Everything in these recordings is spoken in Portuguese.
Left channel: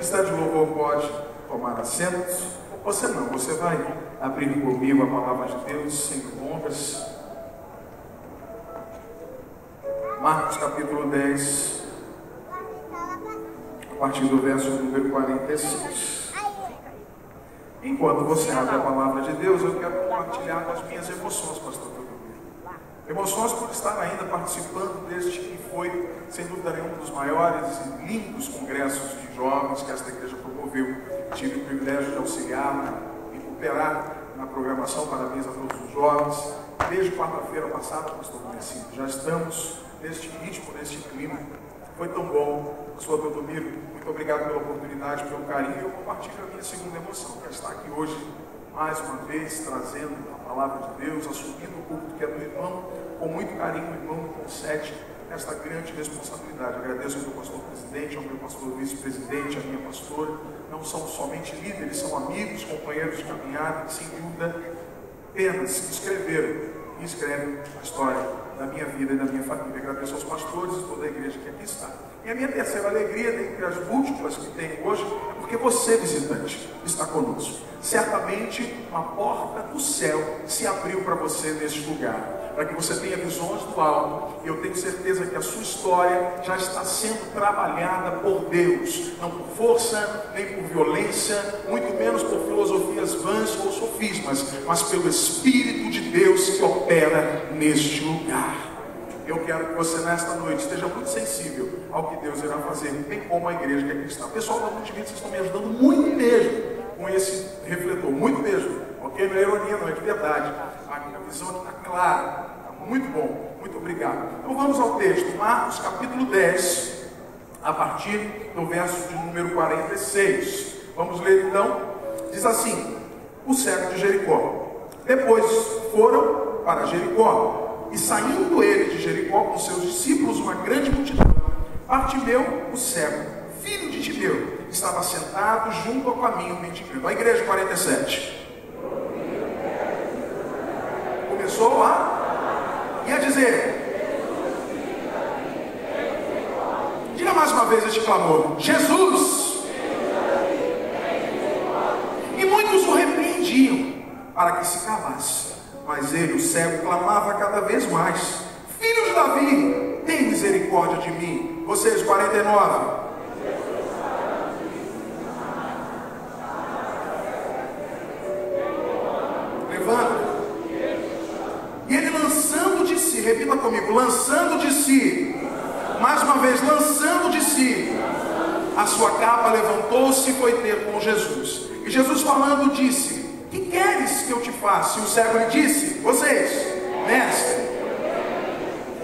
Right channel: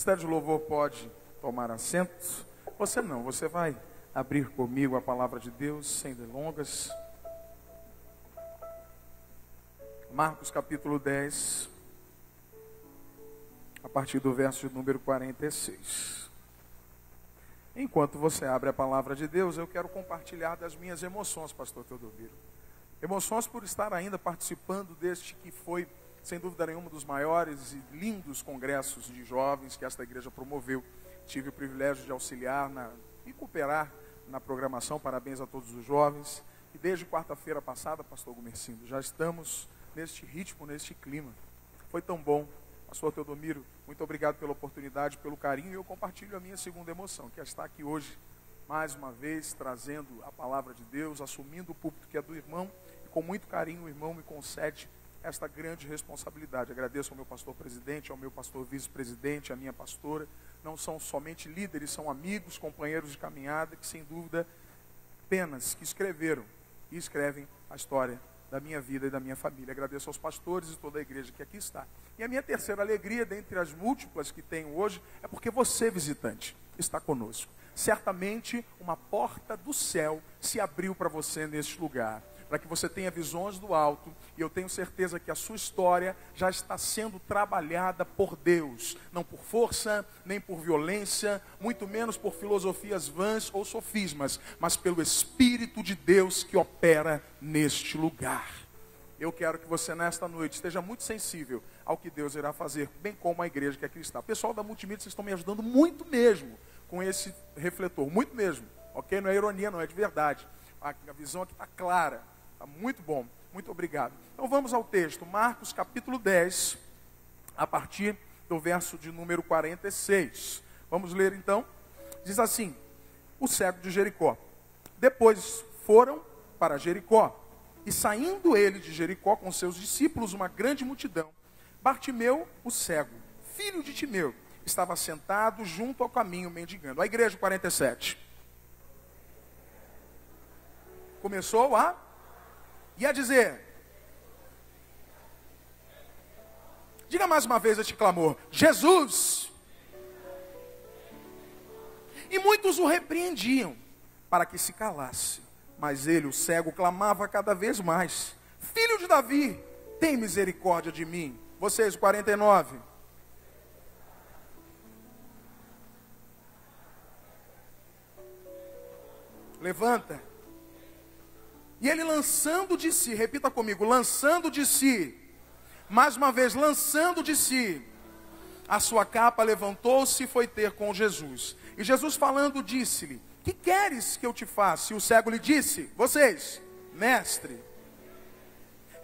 Ministério de Louvor pode tomar assentos. Você não, você vai abrir comigo a palavra de Deus sem ondas. Marcos capítulo 10, a partir do verso número 46. Enquanto você abre a palavra de Deus, eu quero compartilhar as minhas emoções, pastor. Emoções por estar ainda participando deste que foi, sem dúvida, um dos maiores e lindos congressos de jovens que esta igreja promoveu. Tive o privilégio de auxiliar e cooperar na programação para a mesa a todos os jovens. Desde quarta-feira passada, pastor Marcinho, já estamos neste ritmo, neste clima. Foi tão bom, pastor Teodomiro, muito obrigado pela oportunidade, pelo carinho. Eu compartilho a minha segunda emoção, que é estar aqui hoje, mais uma vez, trazendo a palavra de Deus, assumindo o culto que é do irmão, com muito carinho, o irmão concede esta grande responsabilidade. Agradeço ao meu pastor presidente, ao meu pastor vice-presidente, à minha pastora. Não são somente líderes, são amigos, companheiros de caminhada, sem dúvida, apenas se inscreveram e escrevem a história da minha vida e da minha família. Agradeço aos pastores e toda a igreja que aqui está. E a minha terceira alegria, dentre as múltiplas que tenho hoje, é porque você, visitante, está conosco. Certamente uma porta do céu se abriu para você neste lugar, para que você tenha visões do alto. E eu tenho certeza que a sua história já está sendo trabalhada por Deus, não por força, nem por violência, muito menos por filosofias vãs ou sofismas, mas pelo Espírito de Deus que opera neste lugar. Eu quero que você nesta noite seja muito sensível ao que Deus irá fazer, bem como a igreja que aqui está. O pessoal do ponto de vista estão me ajudando muito mesmo com esse refletor, muito mesmo, ok? Não é ironia, não é piedade. A visão está clara, muito bom, muito obrigado. Então vamos ao texto, Marcos capítulo 10, a partir do verso de número 46. Vamos ver então, diz assim: o cego de Jericó. Depois foram para Jericó. E saindo ele de Jericó com seus discípulos, uma grande multidão, Bartimeu, o cego, filho de Timeu, estava sentado junto ao caminho de Timeu. A igreja 47. Começou lá e a dizer: diga mais uma vez este clamor: Jesus! E muitos o repreendiam para que se calasse. Mas ele, o cego, clamava cada vez mais: filho de Davi, tem misericórdia de mim. Vocês 49. Levanta. E ele lançando de si, repita comigo, lançando de si, mais uma vez, lançando de si, a sua capa levantou-se e foi ter com Jesus. E Jesus falando disse: que queres que eu te faça? E o cego disse: vocês, mestre.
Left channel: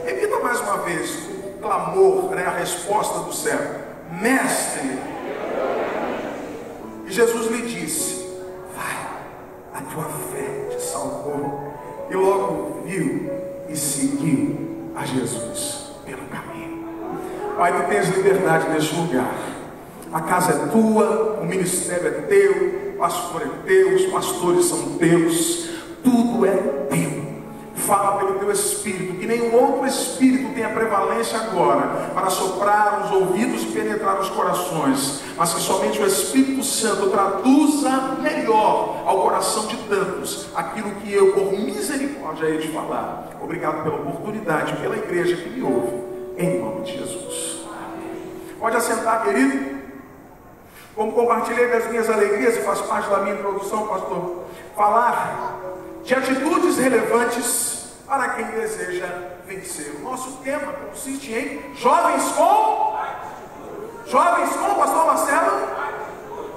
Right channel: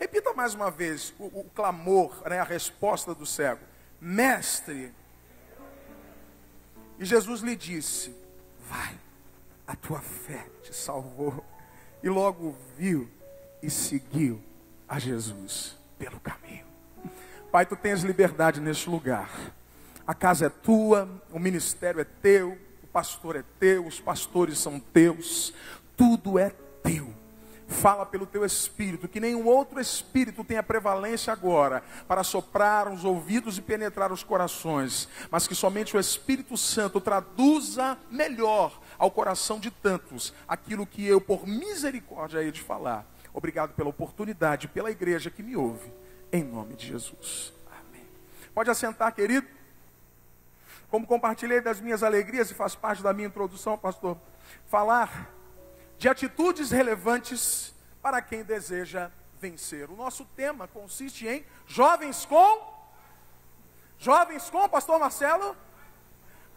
Repita mais uma vez o clamor, a resposta do cego: mestre. E Jesus lhe disse: vai, a tua fé te salvou. E logo viu e seguiu a Jesus pelo caminho. Pai, tu tens liberdade neste lugar. A casa é tua, o ministério é teu, o pastor é teu, os pastores são teus, tudo é teu. Fala pelo teu Espírito, que nem outro Espírito tenha prevalência agora para soprar nos ouvidos e penetrar nos corações, mas que somente o Espírito Santo traduza melhor ao coração de tantos aquilo que eu, por misericórdia, hei de falar. Obrigado pela oportunidade, pela igreja que me ouve, em nome de Jesus. Pode assentar, querido. Como compartilhei das minhas alegrias, faz parte da minha introdução, pastor, falar de atitudes relevantes para quem deseja vencer. O nosso tema consiste em jovens com pastor Marcelo,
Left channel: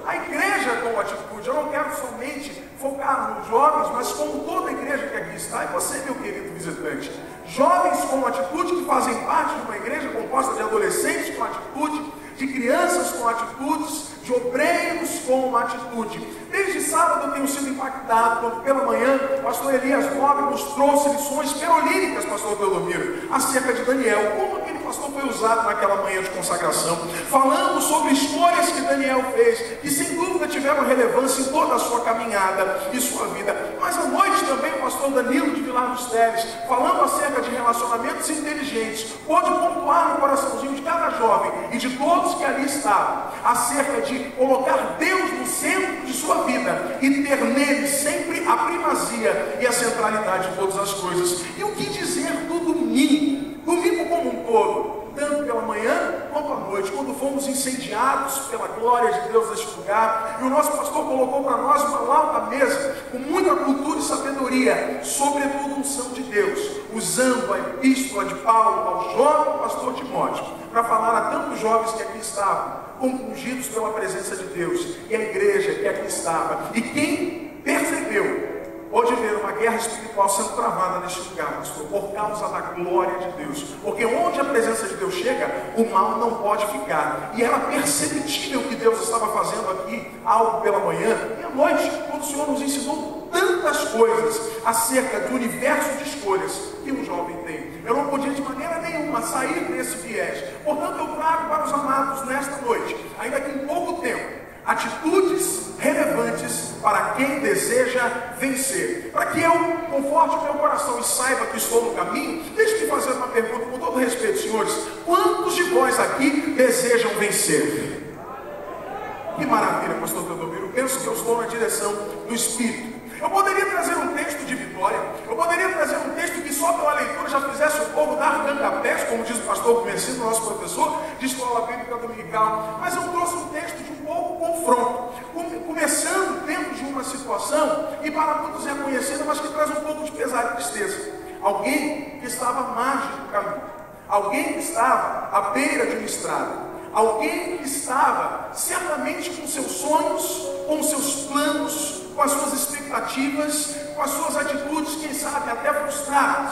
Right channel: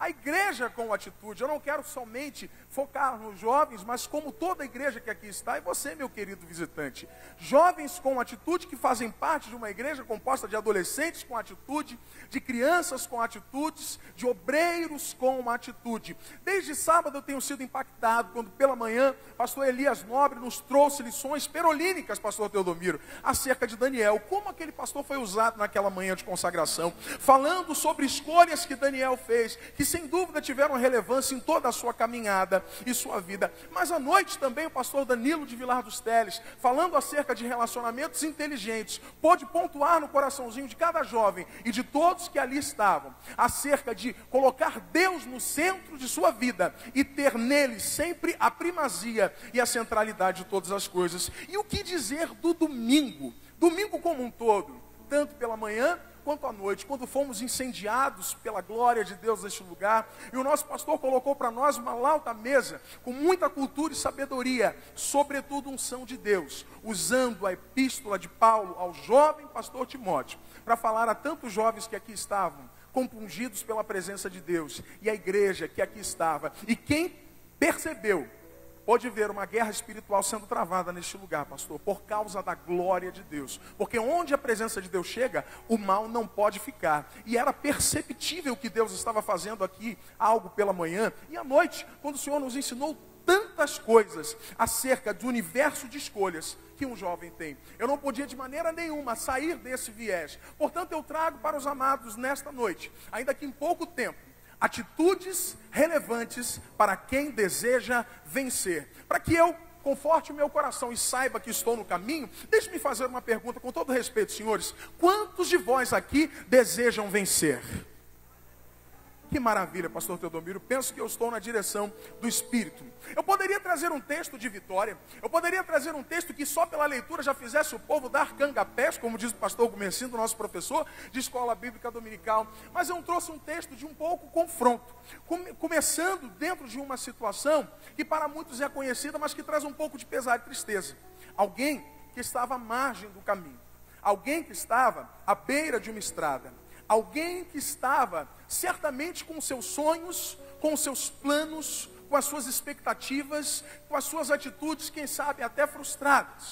a igreja com atitude. Eu não quero somente focar nos jovens, mas com toda a igreja que aqui está, e você, meu querido visitante. Jovens com atitude que fazem parte de uma igreja composta de adolescentes com atitude, de crianças com atitudes, de obreiros com uma atitude. Desde sábado eu tenho sido impactado, pela manhã, a pastor Elias Nobre nos trouxe lições teológicas, pastor Teodomiro, acerca de Daniel. Como aquele pastor foi usado naquela manhã de consagração, falando sobre escolhas que Daniel fez, e sem dúvida tiveram relevância em toda a sua caminhada e sua vida. Mas à noite também o pastor Danilo, de já nos testes, falando acerca de relacionamentos inteligentes, pôde pontuar no coraçãozinho de cada jovem e de todos que ali estavam, acerca de colocar Deus no centro de sua vida e ter nele sempre a primazia e a centralidade de todas as coisas. E o que dizer do domingo? Domingo como um todo, tanto pela manhã quanto à noite, quando fomos incendiados pela glória de Deus neste lugar, e o nosso pastor colocou para nós uma nova mesa, com muita cultura e sabedoria, sobretudo o Santo de Deus, usando a epístola de Paulo ao jovem pastor Timóteo, para falar a tantos jovens que aqui estavam, compungidos pela presença de Deus, e a igreja que aqui estava, e quem percebeu, pode ver uma guerra espiritual sendo travada neste lugar, por causa da glória de Deus. Porque onde a presença de Deus chega, o mal não pode ficar. E ela percebeu que Deus estava fazendo aqui algo pela manhã. E à noite, o Senhor nos ensinou tantas coisas acerca do universo de escolhas que o jovem tem. Eu não podia de maneira nenhuma sair desse viés. Portanto, eu trago para os amados nesta noite, ainda que em pouco tempo, atitudes relevantes para quem deseja vencer. Para que eu conforte meu coração e saiba que estou no caminho, deixe-me fazer uma pergunta com todo respeito, senhores. Quantos de vós aqui desejam vencer? Que maravilha, pastor Teodoro. Penso que eu sou na direção do Espírito. Eu poderia trazer um texto de vitória, eu poderia trazer um texto que só para a leitura já fizesse o povo dar Budapeste, como diz o pastor Conhecido, nosso professor de escola bíblica dominical, mas eu trouxe um texto de confronto, começando dentro de uma situação que para todos é conhecer, mas que traz um pouco de pesar e tristeza. Alguém que estava à margem do caminho, alguém que estava à beira de uma estrada, alguém que estava certamente com seus sonhos, com seus planos, com as suas expectativas, com as suas atitudes, quem sabe até frustradas,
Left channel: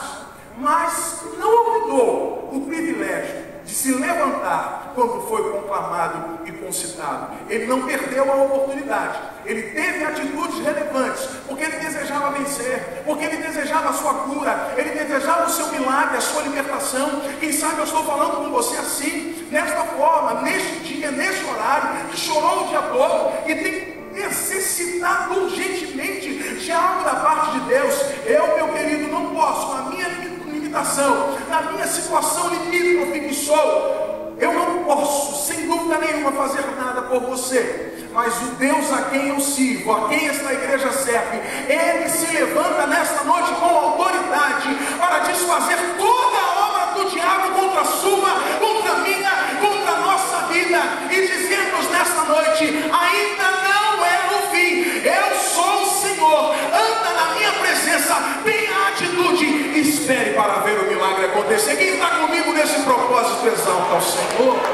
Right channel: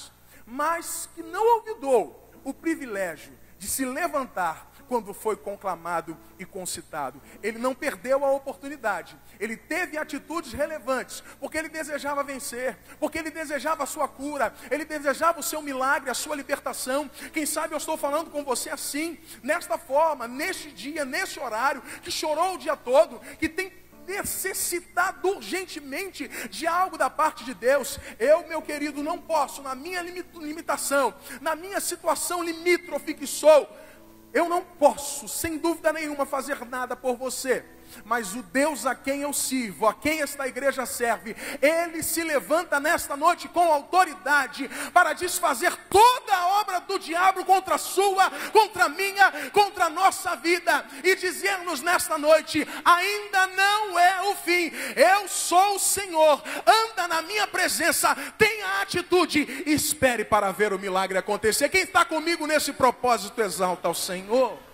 mas não mudou o privilégio de se levantar quando foi conclamado e concitado. Ele não perdeu a oportunidade. Ele teve atitudes relevantes, porque ele desejava vencer, porque ele desejava a sua cura, ele desejava o seu milagre, a sua libertação. Quem sabe eu estou falando com você assim, nesta forma, neste dia, neste horário, que chorou o dia todo, que tem necessitado urgentemente de algo da parte de Deus. Eu, meu querido, não posso, na minha limitação, na minha situação limítrofe que estou, eu não posso, sem dúvida nenhuma, fazer nada por você. Mas o Deus a quem eu sirvo, a quem esta igreja serve, Ele se levanta nesta noite com autoridade para desfazer toda a obra do diabo contra a sua, contra a minha, contra a nossa vida, e dizemos nesta noite, ainda não é o fim, eu sou o Senhor, anda na minha presença, tenha atitude e espere para ver o milagre acontecer. Quem está comigo nesse propósito, exalta ao Senhor.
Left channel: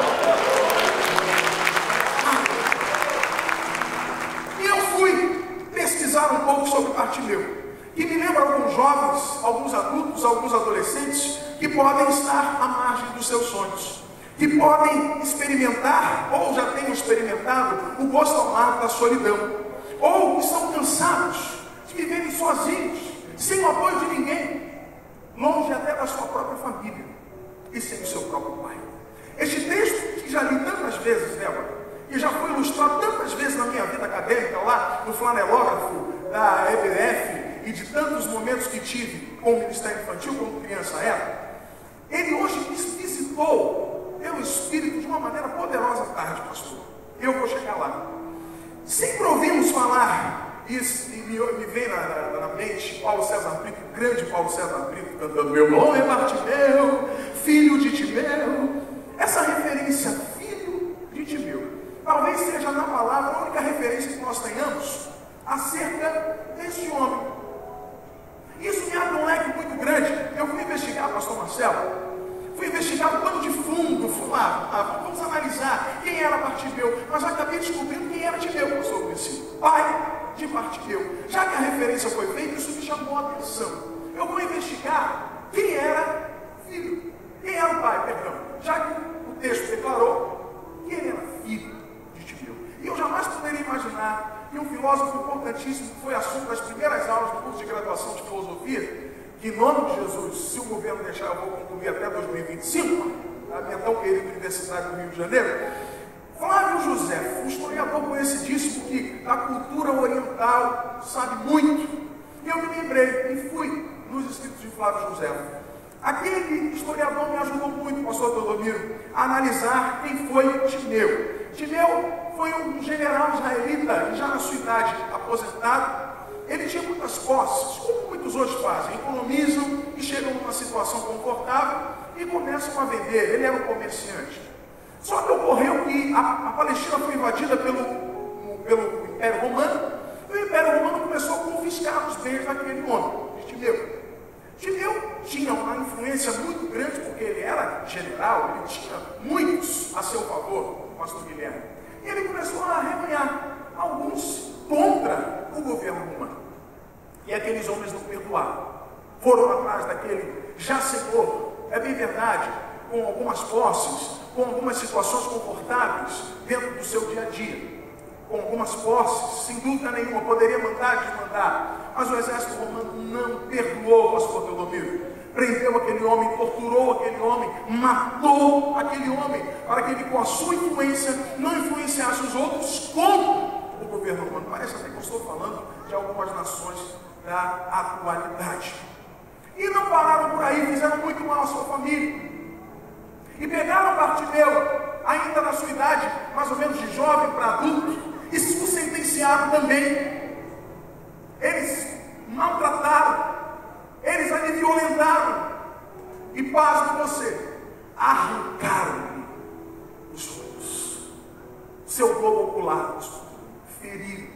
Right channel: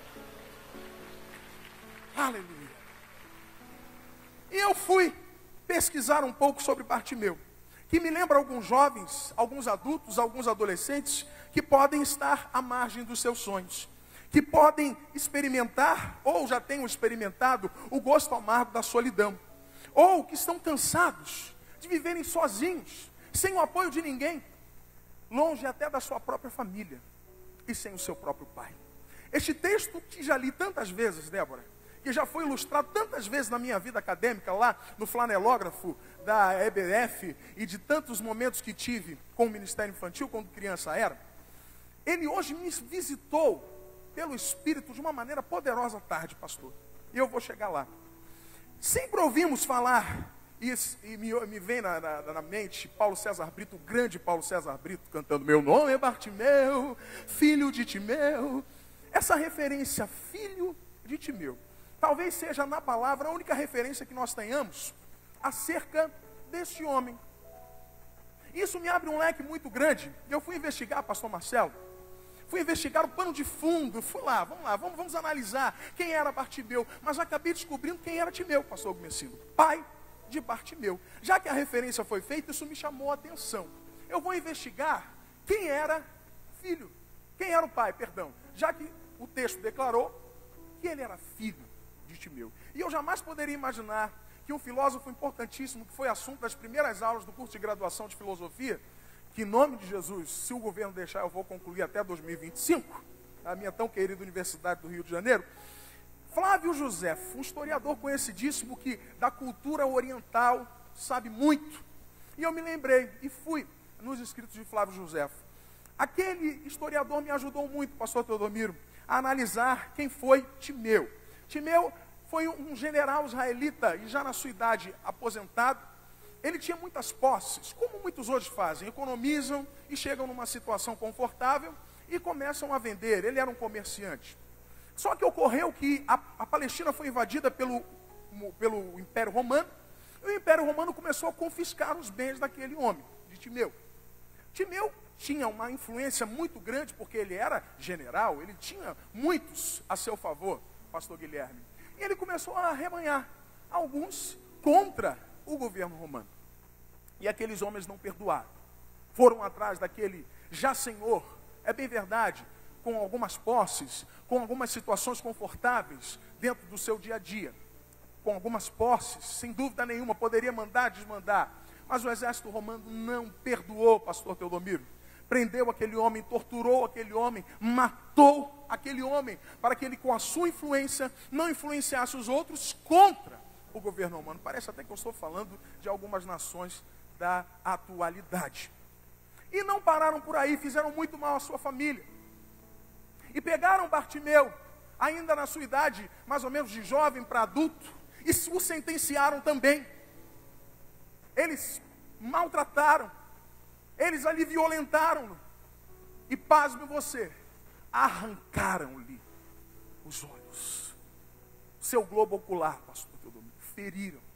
Um pouco sobre Bartimeu, que me lembra alguns jovens, alguns adultos, alguns adolescentes que podem estar à margem dos seus sonhos, que podem experimentar, ou já têm experimentado, o gosto amargo da solidão, ou estão cansados de viver sozinhos, sem o apoio de ninguém, longe até da sua própria família e sem seu próprio pai. Este texto, que já li tantas vezes, e já foi ilustrado tantas vezes na minha vida acadêmica, lá no flanerógrafo da EBF, e de tantos momentos que tive com o Ministério Infantil, como criança era, ele hoje me visitou pelo Espírito de uma maneira poderosa à tarde, pastor. Eu vou chegar lá. Sempre ouvimos falar, e me veio na mente Paulo César Brito, grande Paulo César Brito, cantando meu nome é Bartimeu, filho de Timeu. Essa referência, filho de Timeu, talvez seja na palavra a única referência que nós tenhamos acerca desse homem. Isso me abre um leque muito grande. Eu fui investigar, pastor Marcelo, fui investigar todo de fundo, vamos analisar quem era Bartimeu, mas eu acabei descobrindo quem era Bartimeu, pastor Priscila, pai de Bartimeu. Já que a referência foi feita, isso me chamou a atenção. Eu vou investigar quem era filho, quem era o pai, perdão, já que o texto declarou quem era filho. E eu jamais poderia imaginar que um filósofo importantíssimo, que foi assunto das primeiras aulas do curso de graduação de filosofia, que em nome de Jesus, se o governo deixar, eu vou concluir até 2025, na mental Universidade do Rio de Janeiro, Flávio José, um historiador conhecidíssimo que da cultura oriental sabe muito. E eu me lembrei e fui no dos escritos de Flávio José. Aquele historiador me ajudou muito, pastor Teodomiro, a analisar quem foi Timeu. Timeu foi um general israelita, já na sua idade, aposentado. Ele tinha muitas posses, como muitos outros fazem, economizam e chegam numa situação confortável e começam a vender. Ele era um comerciante. Só que ocorreu que a Palestina foi invadida pelo Império Romano, e o Império Romano começou a confiscar os bens daquele homem, Timeu. Timeu tinha uma influência muito grande, porque ele era general, ele tinha muitos a seu favor, o pastor Guilherme. Ele começou a arremear alguns contra o governo romano. E aqueles homens não perdoaram. Foram atrás daquele já senhor, é bem verdade, com algumas posses, com algumas situações confortáveis dentro do seu dia a dia, com algumas posses, sem dúvida nenhuma, poderia mandar e desmandar, mas o exército romano não perdoou, pastor Teodomiro. Prendeu aquele homem, torturou aquele homem, matou aquele homem, para que ele, com a sua influência, não influenciasse os outros contra o governo romano. Parece que eu estou falando de algumas nações da atualidade. E não pararam para aí, fizeram muito mal à sua família. E pegaram o Bartimeu, ainda na sua idade, mais ou menos de jovem para adulto, e se sentenciaram também. Eles maltrataram, eles ali violentaram, e pasmem você, arrancaram os sonhos, seu globo ocular, feriram.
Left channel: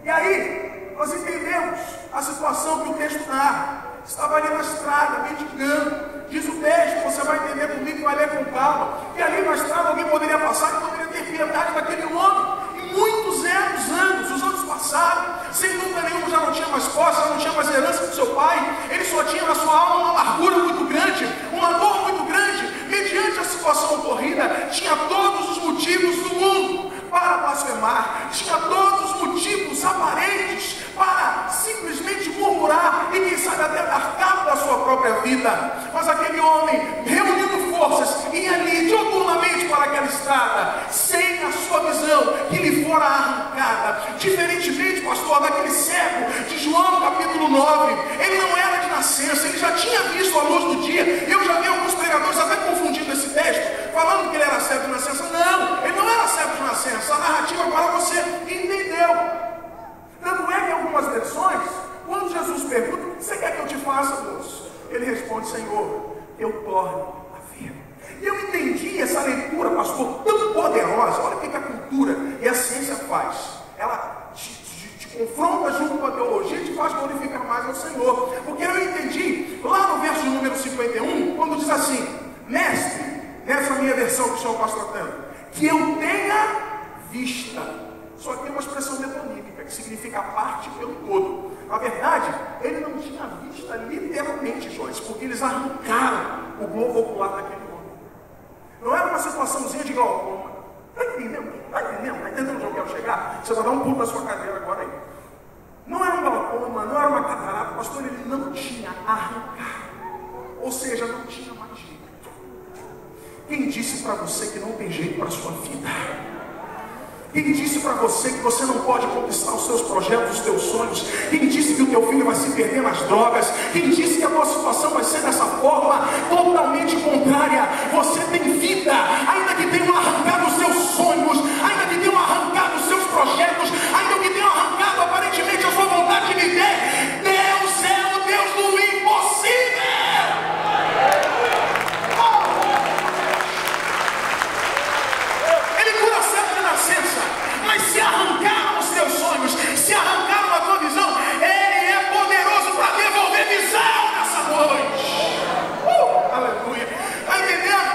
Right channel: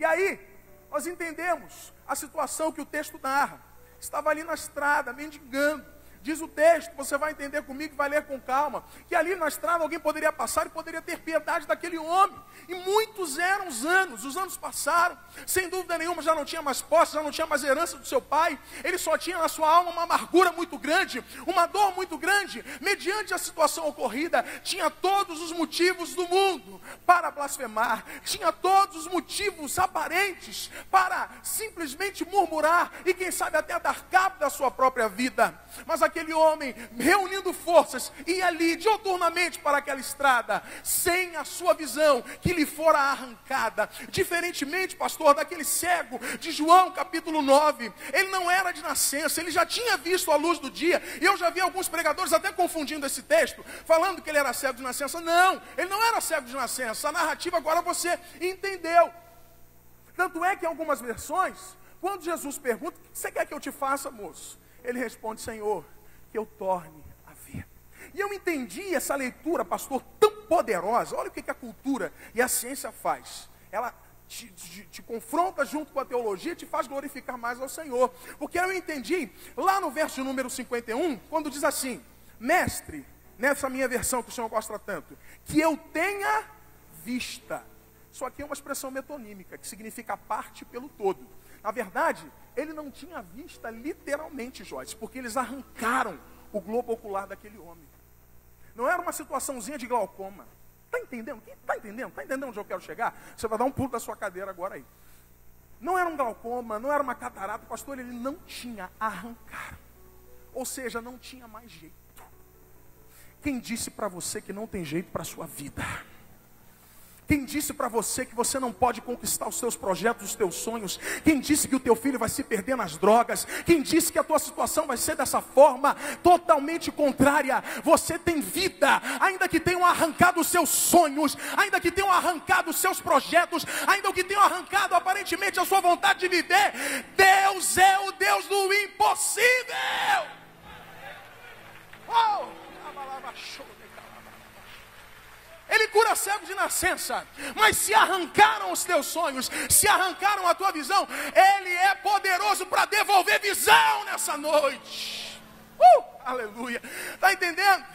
E aí, nós entendemos a situação que o texto narra. Estava ali na estrada, litigando. Diz o texto, você vai entender comigo, vai ler com calma. E ali na estrada alguém poderia passar, não poderia ter piedade daquele homem. E muitos anos, os anos passaram, sem dúvida nenhuma, já não tinha mais força, já não tinha mais herança do seu pai. Ele só tinha na sua alma uma largura muito grande, uma dor muito grande. Mediante a situação ocorrida, tinha todos os motivos do mundo para blasfemar, tinha todos os motivos aparentes para simplesmente murmurar e quem sabe até marcar para a sua própria vida. Mas aquele homem, reunindo forças, ia ali totalmente para aquela estrada, sem a sua visão, que lhe fora arrancada. Diferentemente, pastor, daquele cego de João capítulo 9, ele não era de nascença, ele já tinha visto a luz do dia. Eu já vi alguns pregadores até confundindo esse texto, falando que ele era cego de nascença. Não, ele não era cego de nascença. A narrativa para você entendeu. Tanto é que algumas versões, quando Jesus pergunta, o que você quer que eu te faça, moço? Ele responde, Senhor, que eu torne a ver. E eu entendi essa leitura, pastor, tão poderosa. Olha o que a cultura e a ciência faz. Ela te confronta junto com a teologia e te faz glorificar mais ao Senhor. Porque eu entendi, lá no verso número 51, quando diz assim, mestre, nessa minha versão que o senhor está tratando, que eu tenha vista. Só que é uma expressão demoníaca, que significa a parte pelo todo. Na verdade, ele não tinha vista literalmente, porque eles arrancaram o globo ocular daquele homem. Não era uma situaçãozinha de glaucoma. Está entendendo? Está entendendo onde eu quero chegar? Você vai dar um pulo da sua cadeira agora aí. Não era uma glaucoma, não era uma catarata, mas ele não tinha arrancado. Ou seja, não tinha mais jeito. Quem disse para você que não tem jeito para a sua vida? Quem disse para você que você não pode conquistar os seus projetos, os seus sonhos? Quem disse que o teu filho vai se perder nas drogas? Quem disse que a tua situação vai ser dessa forma totalmente contrária? Você tem vida, ainda que tenham arrancado os seus sonhos, ainda que tenham arrancado os seus projetos, ainda que tenham arrancado aparentemente a sua vontade de viver. Deus é o Deus do impossível. Ele não aceita a nascença, mas se arrancaram os seus sonhos, se arrancaram a tua visão, Ele é poderoso para devolver visão nessa noite. Aleluia. Está entendendo?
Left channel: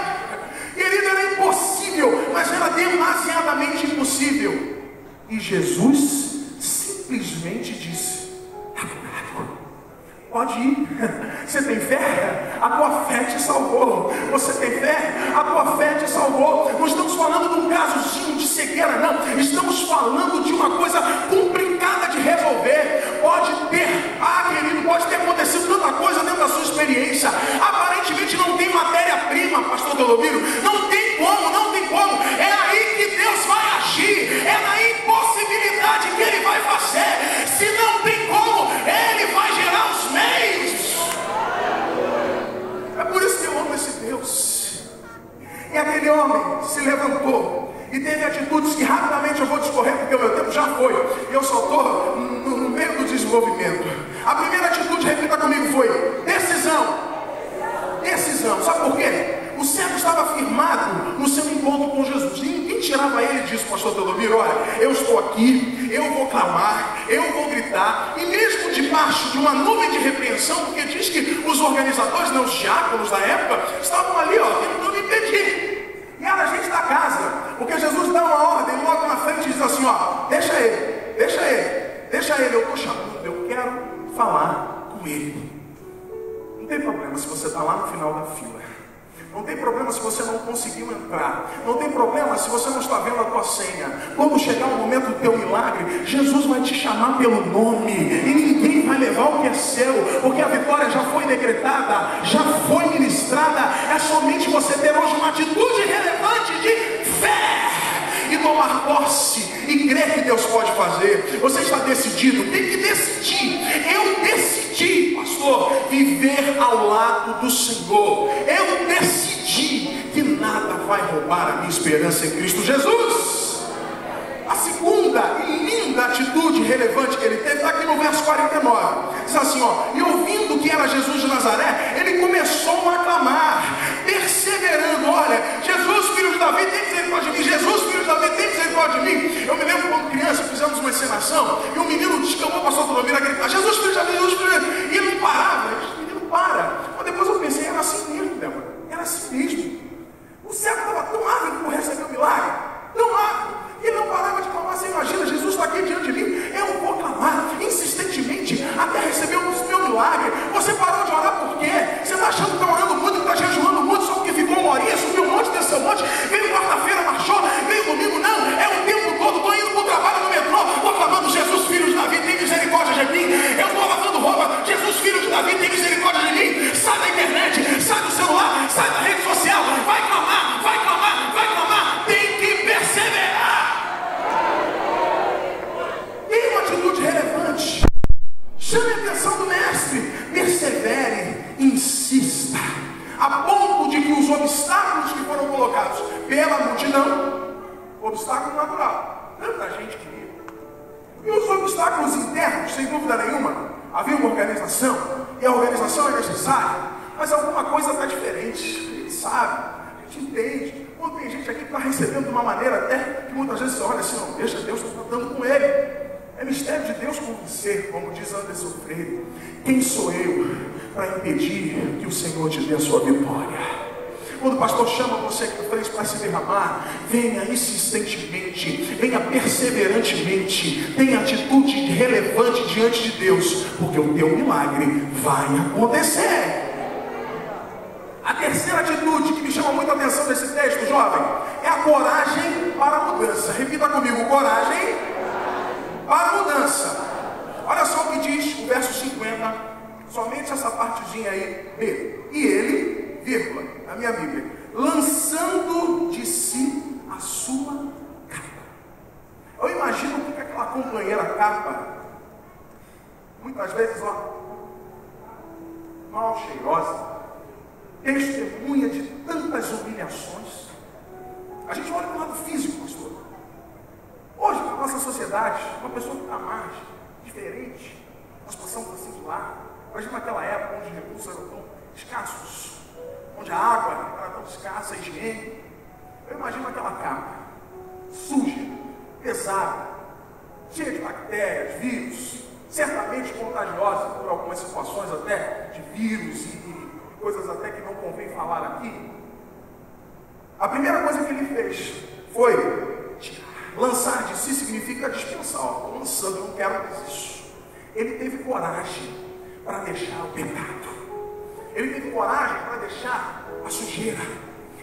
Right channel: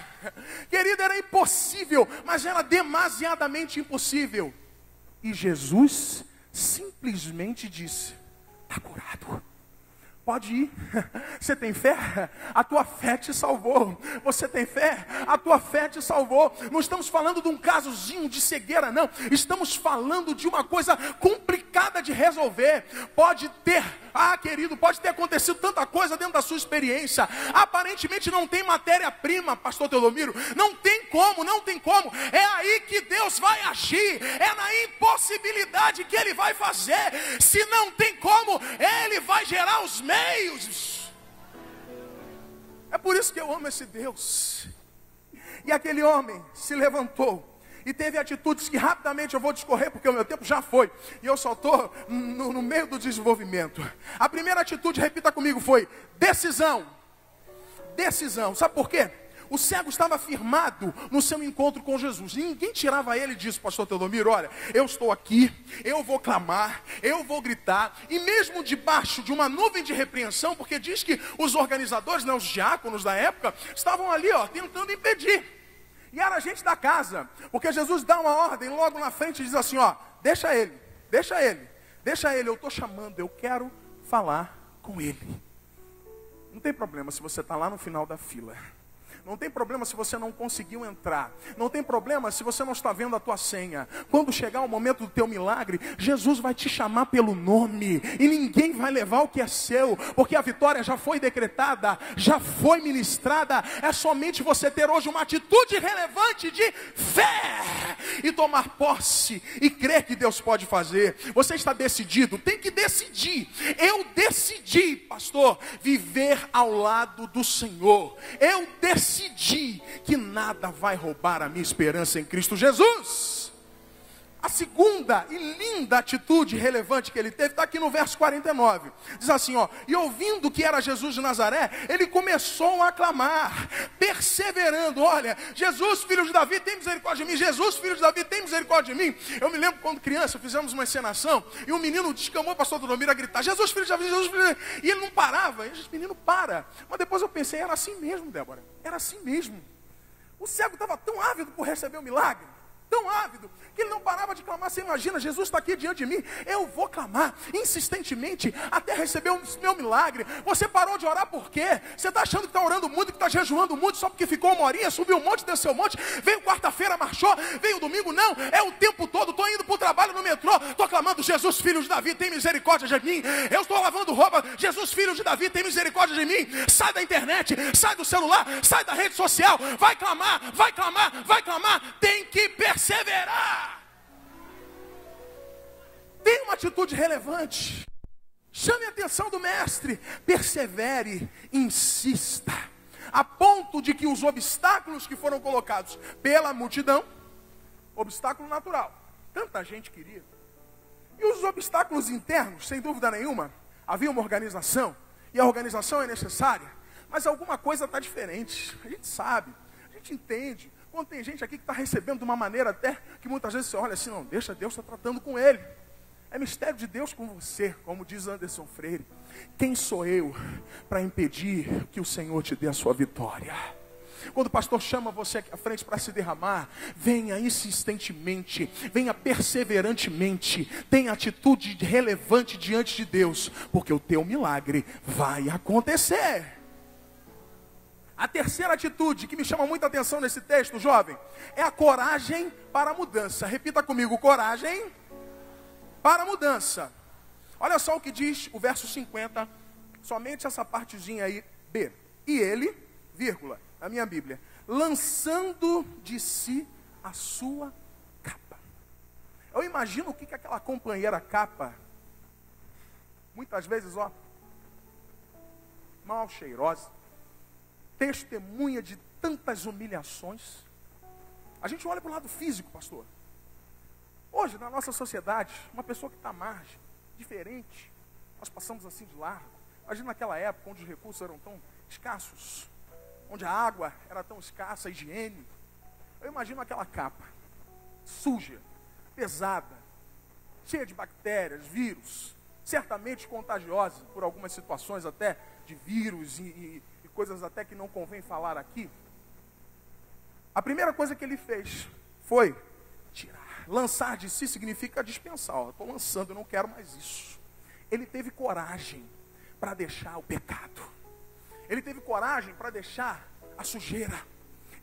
que rapidamente eu vou discorrer, porque o meu tempo já foi. Eu só estou no meio do desenvolvimento. A primeira atitude repita comigo foi decisão. Decisão. Sabe por quê? O cego estava firmado no seu encontro com Jesus. Ninguém tirava ele disso, pastor Doutor. Olha, eu estou aqui, eu vou clamar, eu vou gritar. E mesmo debaixo de uma nuvem de repreensão, porque diz que os organizadores, os diáconos da época, estavam ali, tentando impedir. E era a gente da casa, porque Jesus dá uma ordem, logo na frente diz assim, deixa ele, eu estou chamando, eu quero falar com ele. Não tem problema se você está lá no final da fila. Não tem problema se você não conseguiu entrar. Não tem problema se você não está vendo a tua senha. Quando chegar o momento do teu milagre, Jesus vai te chamar pelo nome. E ninguém vai levar o que é seu, porque a vitória já foi decretada, já foi ministrada. É somente você ter hoje uma atitude relevante de fé e tomar posse e crer que Deus pode fazer. Você está decidido, tem que decidir. Eu decidi, pastor, viver ao lado do Senhor. Eu decidi que nada vai roubar a minha esperança em Cristo Jesus. A segunda e linda atitude relevante que ele teve está aqui no verso 49. Diz assim, e ouvindo que era Jesus de Nazaré, ele começou a clamar, perseverando, olha, Jesus, filho de Davi, tem misericórdia de mim. Jesus, filho de Davi, tem misericórdia de mim. Eu me lembro como criança, fizemos uma encenação, e um menino chamou o pastor Domingos a gritar, Jesus, filho de Davi, Jesus, filho de Davi. E ele não parava, ele não para. Mas depois eu pensei, era assim mesmo, era assim mesmo. O céu estava tão ávido por receber o milagre, tão ávido, que ele não parava de falar. Você imagina, Jesus está aqui diante de mim, eu vou clamar insistentemente até receber o seu milagre. Você parou de orar por quê? Você está achando que está orando muito, está jejuando muito, só que ficou uma horinha, subiu um monte, desceu um monte, veio quarta-feira, baixou, veio domingo, não, é o tempo todo, não indo para o trabalho, no metrô, estou falando, Jesus, filho de Davi, tem misericórdia de mim. Eu estou falando, roupa, Jesus, filho de Davi, tem misericórdia de mim. Está na internet, está no celular, está na rede social, vai clamar, vai clamar, vai clamar, tem que perseverar. Tem uma atitude relevante. Chame a atenção do mestre, persevere, insista, a ponto de que os obstáculos que foram colocados pela multidão, obstáculo natural, tanta gente queria, e os obstáculos internos, sem dúvida nenhuma, havia uma organização, e a organização é necessária, mas alguma coisa era diferente, a gente sabe, a gente entende. Quando tem gente aqui que está recebendo de uma maneira até, muitas vezes, olha assim, não deixa Deus, estou tratando com ele. É mistério de Deus como dizer, como diz Anderson Freire, quem sou eu para impedir que o Senhor te dê a sua vitória? Quando o pastor chama você para se derramar, venha insistentemente, venha perseverantemente, tenha atitude relevante diante de Deus, porque o teu milagre vai acontecer. A terceira atitude que me chamou muita atenção nesse texto, jovem, é a coragem para a mudança. Repita comigo, coragem para a mudança. Olha só o que diz o verso 50, somente essa partezinha aí, B. E ele, vírgula, na minha Bíblia, lançando de si a sua capa. Eu imagino que aquela companheira capa, muitas vezes, mal cheirosa, testemunha de tantas humilhações. A gente olha para o lado físico, pastor. Hoje, na nossa sociedade, uma pessoa que está mais diferente, nós passamos assim lá, a gente naquela época onde os recursos eram tão escassos, onde a água era tão escassa, a higiene. Eu imagino aquela cama, suja, pesada, cheia de bactérias, vírus, certamente contagiosa por algumas situações até de vírus e coisas até que não convém falar aqui. A primeira coisa que ele fez foi lançar de si, significa dispensar. Lançando, eu quero isso. Ele teve coragem para deixar o pecado. Ele teve coragem para deixar a sujeira.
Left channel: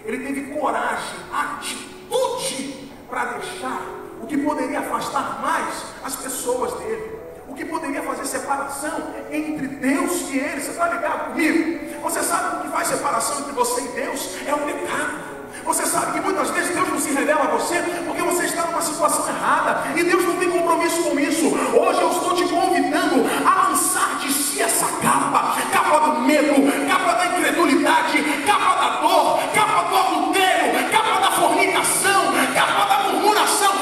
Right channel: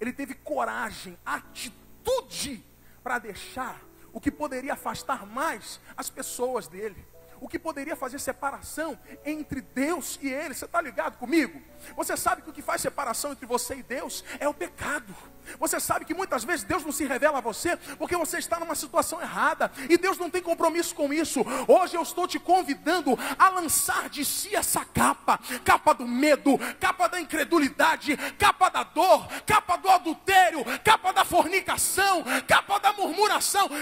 Ele teve coragem, atitude para deixar o que poderia afastar mais as pessoas dele. O que poderia fazer separação entre Deus e ele. Você vai ligar comigo? Você sabe o que faz separação entre você e Deus? É o pecado. Você sabe que muitas vezes Deus não se revela a você porque você está numa situação errada. E Deus não tem compromisso com isso. Hoje eu estou te convidando a lançar de si essa capa do medo, capa da incredulidade, capa da dor, capa do adultério, capa da fornicação, capa da murmuração.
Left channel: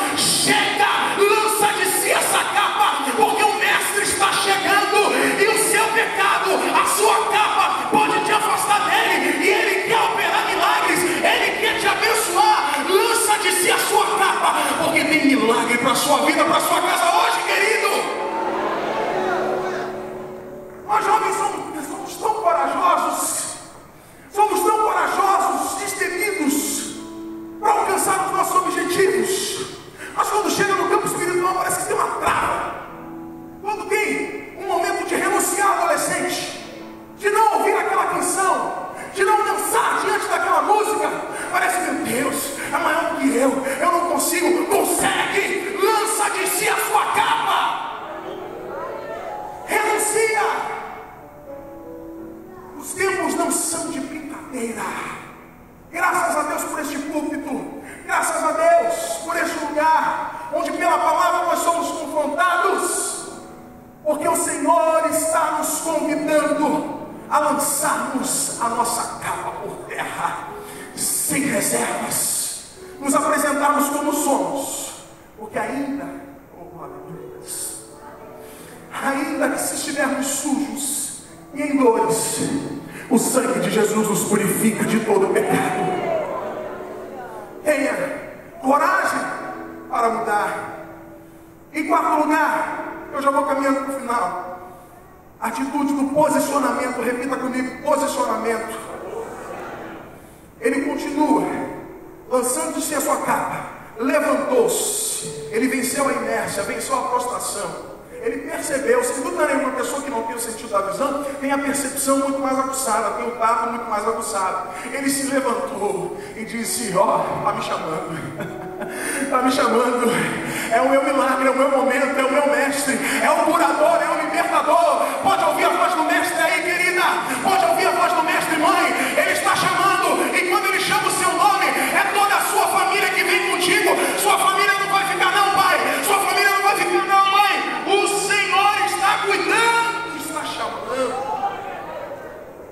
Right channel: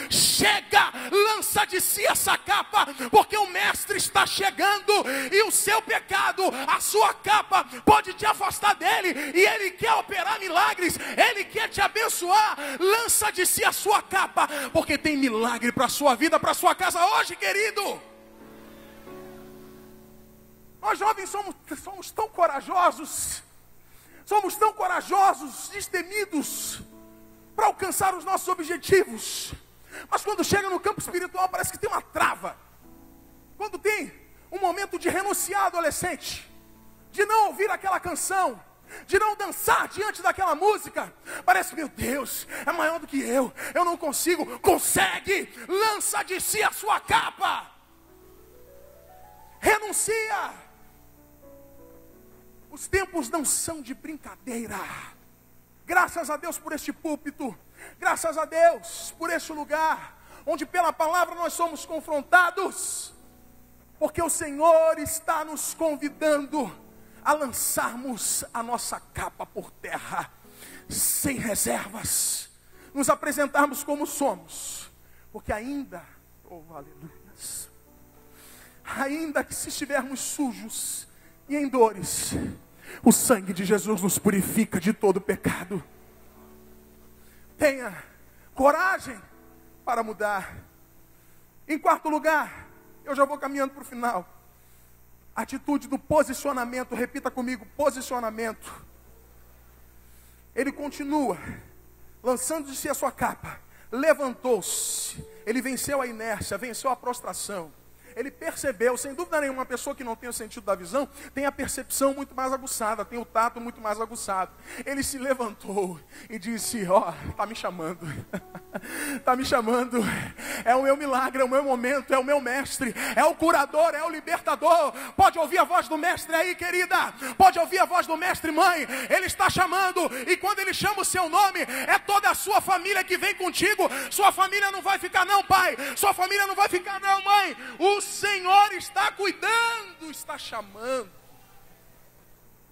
é o meu milagre, é o meu momento, é o meu mestre, é o curador, é o libertador. Pode ouvir a voz do mestre aí, querida. Pode ouvir a voz do mestre, mãe. Ele está chamando, e quando ele chama o seu nome, é toda a sua família que vem contigo. Sua família não vai ficar, não, pai. Sua família não vai ficar, não, mãe. O Senhor está cuidando, está chamando.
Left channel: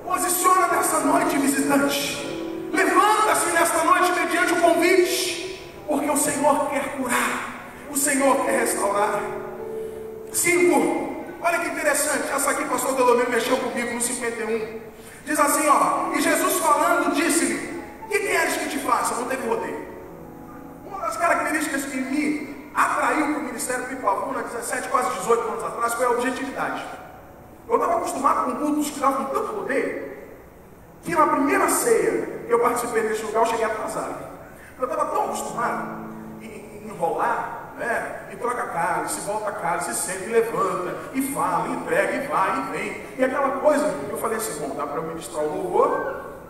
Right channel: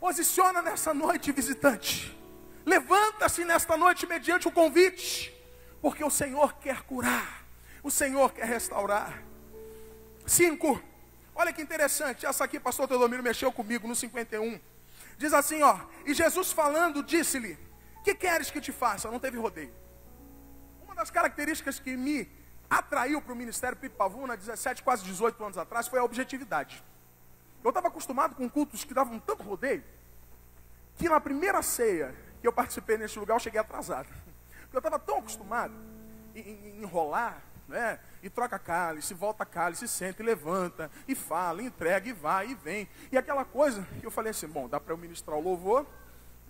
Posiciona nessa noite, visitante. Levanta-se nessa noite mediante o convite, porque o Senhor quer curar, o Senhor quer restaurar. 5. Olha que interessante, essa aqui o pastor Dolomir mexeu comigo no 51. Diz assim, ó, e Jesus falando disse-lhe, o que queres que te faça? Não devolver. Uma das características que me atraiu para o ministério de Paulo, 17, quase 18 anos atrás, foi a objetividade. Eu estava acostumado com cultos que estavam tanto poder, que na primeira ceia que eu participei desse lugar, eu cheguei atrasado. Eu estava tão acostumado em enrolar, né? E troca a cara, se volta a casa, se senta, e levanta, e fala, e entrega, e vai, e vem. E aquela coisa, eu falei assim, bom, dá para eu ministrar o louvor,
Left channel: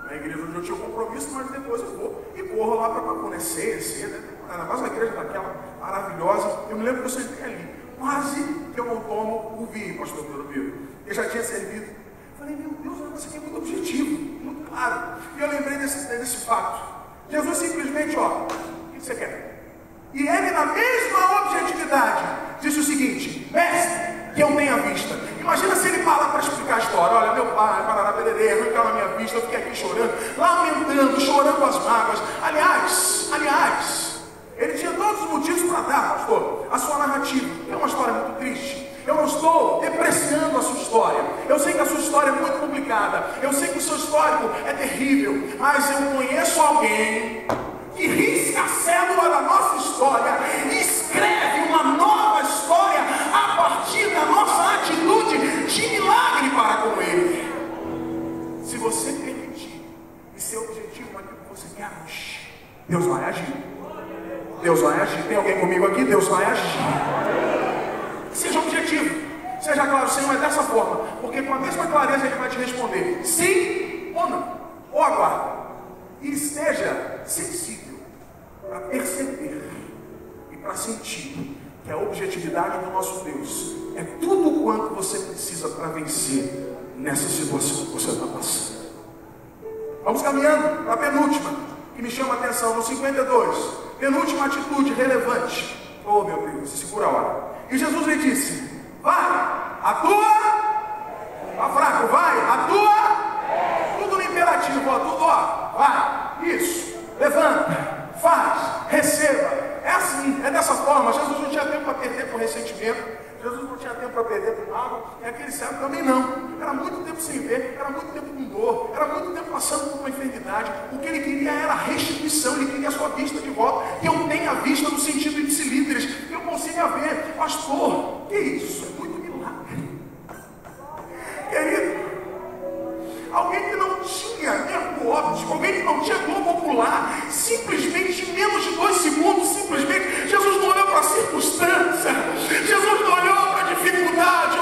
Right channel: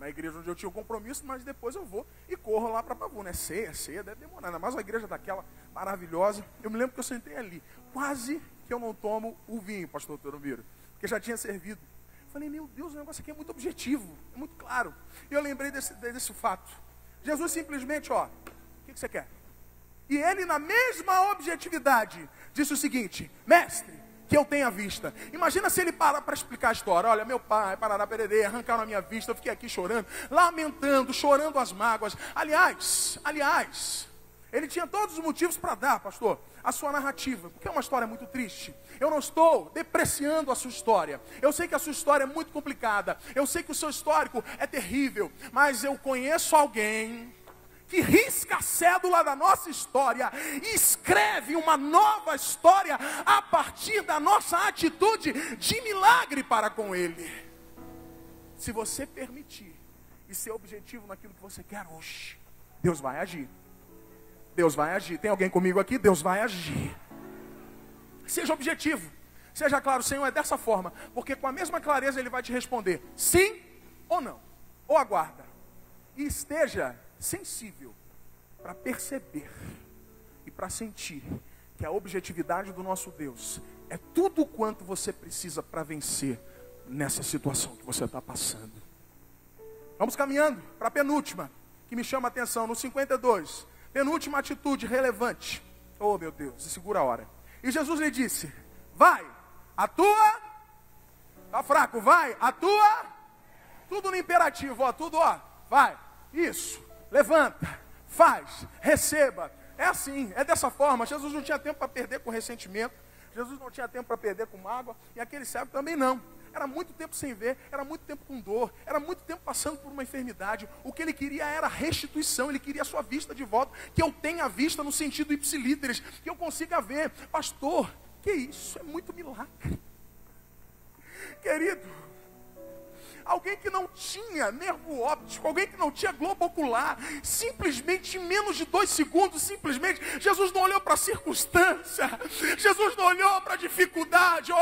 a igreja eu tinha um compromisso, mas depois eu vou e corro lá para conhecer, na nossa igreja daquela maravilhosa. Eu me lembro que eu sentei ali, quase que eu não tomo o vinho, pastor Rodrigo, que já tinha servido. Eu falei, meu Deus, eu não sei o objetivo, muito claro. Eu lembrei desse fato. Jesus simplesmente, ó, o que você quer? E ele, na mesma objetividade, disse o seguinte, mestre, que eu tenho a vista. Imagina se ele fala para explicar a história. Olha, meu pai, para pedreiro, eu estava na minha vista, eu fiquei aqui chorando, lamentando, chorando as mágoas. Aliás, ele tinha todos os motivos para dar, pastor, a sua narrativa. É uma história muito triste. Eu não estou depreciando a sua história. Eu sei que a sua história é muito complicada. Eu sei que o seu histórico é terrível. Mas eu conheço alguém que risca a célula da nossa história e escreve uma nova história a partir da nossa atitude de milagre para com ele. Se você permitir, e seu objetivo é que você age, Deus vai agir. Deus vai agir. Tem alguém comigo aqui? Deus vai agir. Seja objetivo. Seja relação, mas dessa forma. Porque com a mesma clareza ele vai te responder sim ou não. Ou aguarda. E seja sensível para perceber e para sentir que a objetividade do nosso Deus é tudo quanto você precisa para vencer nessa situação que você está passando. Vamos caminhando para a penúltima, que me chama a atenção, no 52. Penúltima atitude relevante. Oh, meu Deus, segura a hora. E Jesus lhe disse, vai, a tua, está fraco, vai, a tua, tudo no imperativo, ó, vai, isso, levanta, faz, receba. É assim, é dessa forma. Jesus não tinha tempo para perder com ressentimento, Jesus não tinha tempo para perder com água, e aquele servo também não. Era muito tempo sem ver, era muito tempo com dor, era muito tempo passando por uma enfermidade. O que ele queria era a restituição, ele queria a sua vista de volta, que eu tenha a vista no sentido de se livres, que eu consiga ver, pastor, que isso? É muito milagre. Querido, alguém que não tinha tempo óbvio, alguém que não tinha como popular, simplesmente, em menos de 2 segundos, simplesmente, Jesus não olhou para a circunstância, Jesus não olhou para a dificuldade,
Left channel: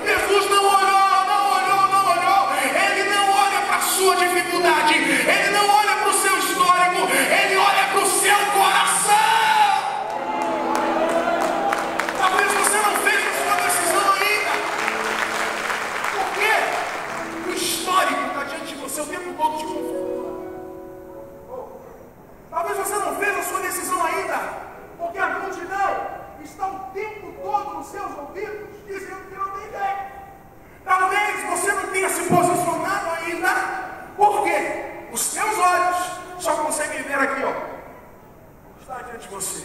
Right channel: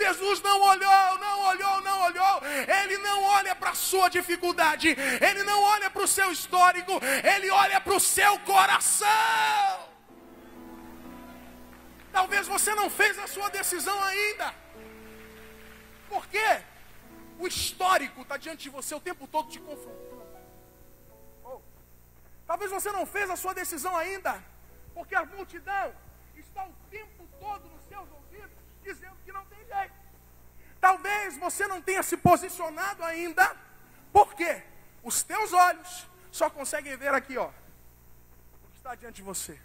Jesus não olhou, Ele não olha para a sua dificuldade, Ele não olha para o seu histórico, Ele olha para o seu coração. Talvez você não veja sua decisão ainda. Por quê? O histórico está diante de você o tempo todo de conforto. Talvez você não veja a sua decisão ainda, porque a multidão está o tempo todo nos seus ouvidos, dizendo que não tem ideia. Talvez você não tenha se posicionado ainda, porque os seus olhos só conseguem ver aqui, ó. Está diante de você.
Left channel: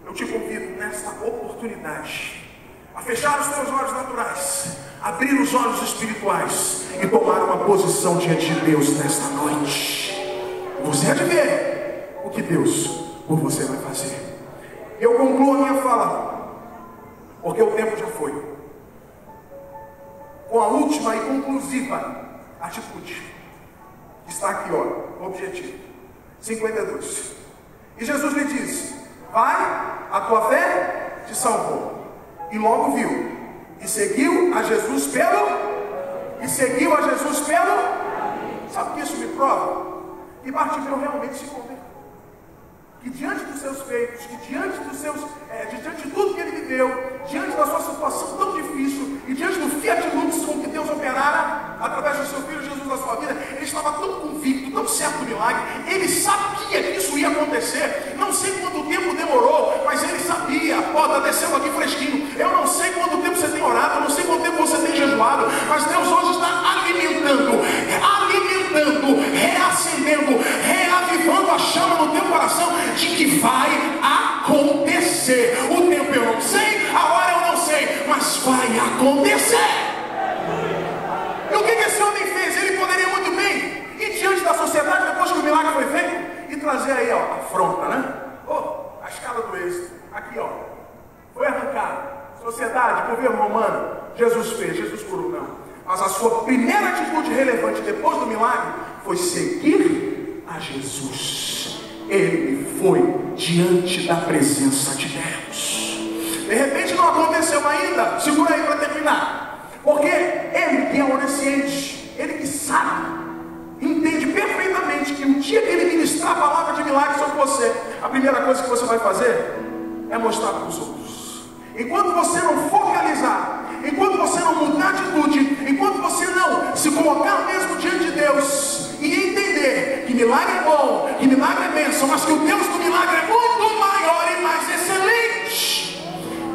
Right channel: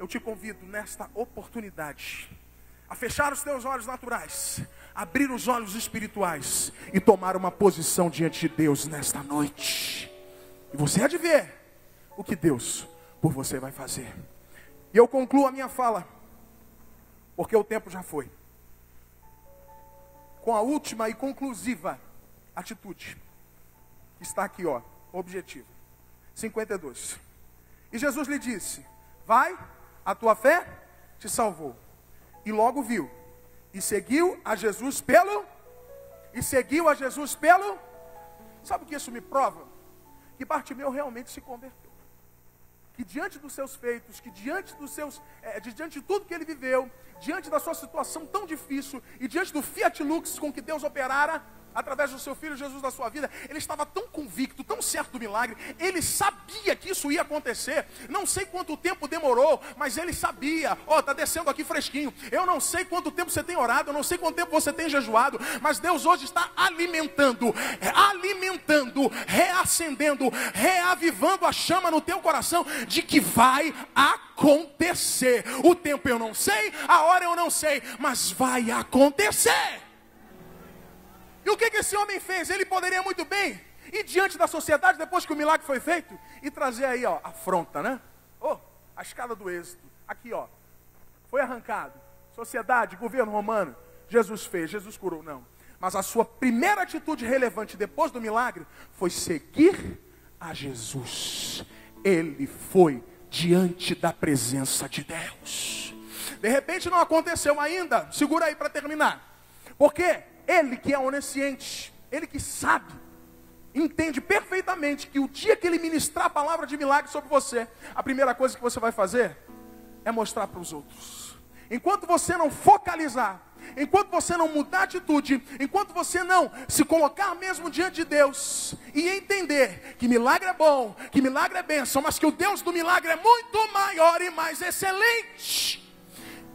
Eu te convido nessa oportunidade a fechar os seus olhos naturais, abrir os olhos espirituais e tomar uma posição diante de Deus nesta noite. Você vai ver o que Deus por você vai fazer. E eu concluo a minha fala, porque o tempo já foi, com a última e conclusiva atitude. Está aqui, ó, o objetivo. 52. E Jesus lhe disse, vai, a tua fé te salvou. E logo viu, e seguiu a Jesus pelo, sabe o que isso me prova? Que parte de eu realmente se converteu. E diante dos seus feitos, e diante foi seguir a Jesus. Ele foi diante da presença de Deus. De repente não aconteceu ainda, segura aí para terminar. Porque ele que é onisciente, ele que sabe, entende perfeitamente que o dia que ele ministrar a palavra de milagre sobre você, a primeira coisa que você vai fazer é mostrar para os outros. Enquanto você não focalizar, enquanto você não mudar de atitude, enquanto você não se colocar mesmo diante de Deus e entender que milagre é bom, que milagre é bênção, mas que o Deus do milagre é muito maior e mais excelente.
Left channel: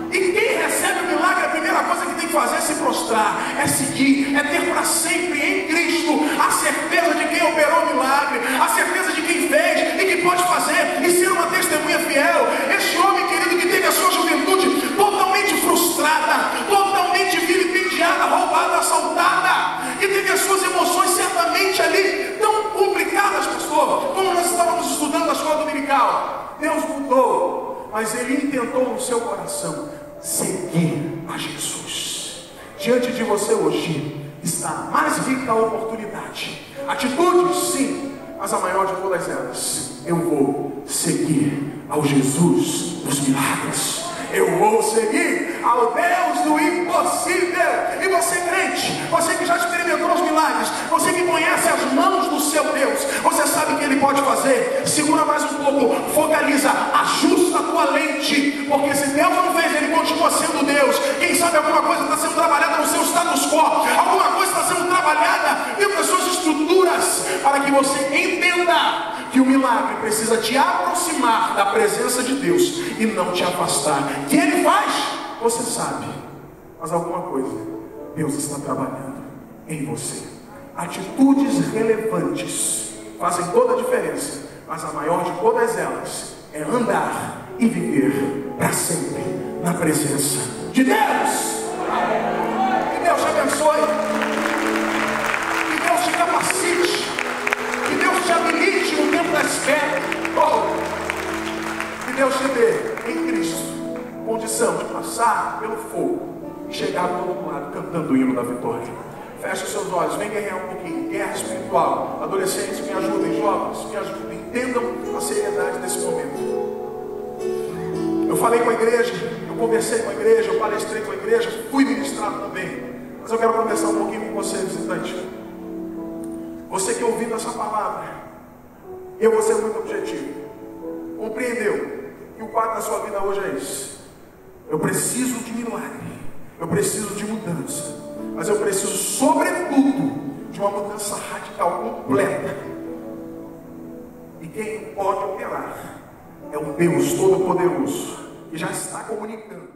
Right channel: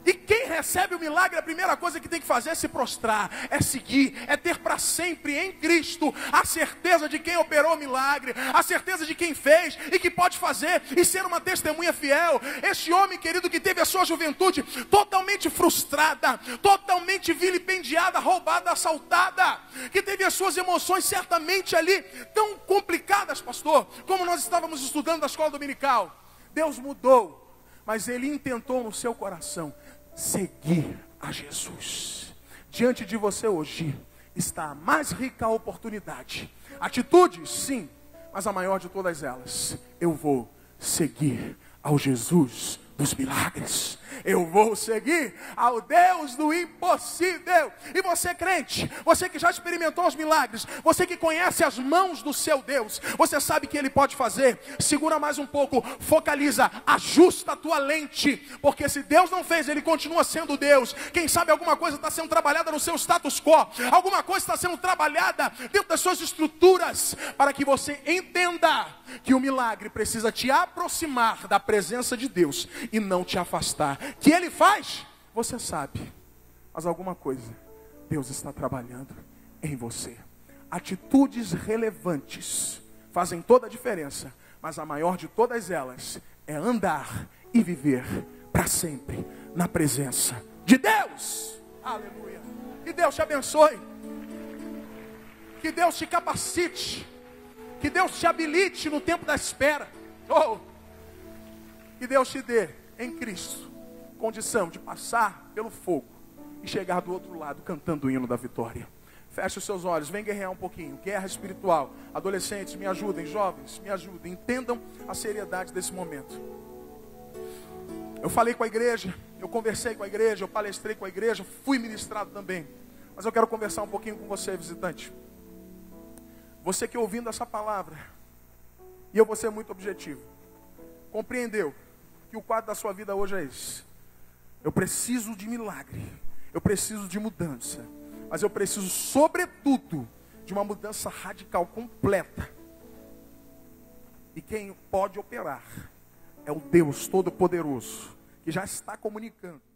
E quem recebe o milagre, a primeira coisa que tem que fazer é se mostrar, é seguir, é ter para sempre em Cristo a certeza de quem operou o milagre, a certeza de quem fez e que pode fazer, e ser uma testemunha fiel. Esse homem que teve a sua juventude totalmente frustrada, totalmente vilipendiada, roubada, assaltada, e teve as suas emoções certamente ali tão complicadas, pastor, como nós estávamos estudando a sua dominical. Deus mudou, mas ele intentou no seu coração seguir a Jesus. Diante de você hoje está mais rica a oportunidade. Atitudes, sim, mas a maior de todas elas: eu vou seguir ao Jesus dos milagres. Eu vou seguir ao Deus do impossível. E você, crente, você que já experimentou os milagres, você que conhece as mãos do seu Deus, você sabe o que ele pode fazer. Segura mais um pouco, focaliza, ajusta a tua lente, porque se Deus não fez, ele continua sendo Deus. Quem sabe alguma coisa está sendo trabalhada no seu status quo, alguma coisa está sendo trabalhada dentro das suas estruturas, para que você entenda que o milagre precisa te aproximar da presença de Deus e não te afastar. E ele faz, você sabe, mas alguma coisa Deus está trabalhando em você. Atitudes relevantes fazem toda a diferença, mas a maior de todas elas é andar e viver para sempre na presença de Deus. Que Deus te abençoe, que Deus te capacite, que Deus te administre o tempo da espera. Que Deus te dê em Cristo condição de passar pelo fogo e chegar no outro lado cantando o hino da vitória. Feche os seus olhos, vem ganhar um pouquinho. Guerra espiritual. Adolescentes, me ajudem, jovens, me ajudem. Entendam a seriedade desse momento. Eu falei com a igreja, eu conversei com a igreja, eu palestrei com a igreja, fui ministrado também. Mas eu quero conversar um pouquinho com você, visitante. Você que ouviu essa palavra, e eu vou ser muito objetivo, compreendeu que o quadro da sua vida hoje é esse. Eu preciso de milagre, eu preciso de mudança, mas eu preciso, sobretudo, de uma mudança radical, completa. E quem pode operar é o Deus Todo-Poderoso, que já está comunicando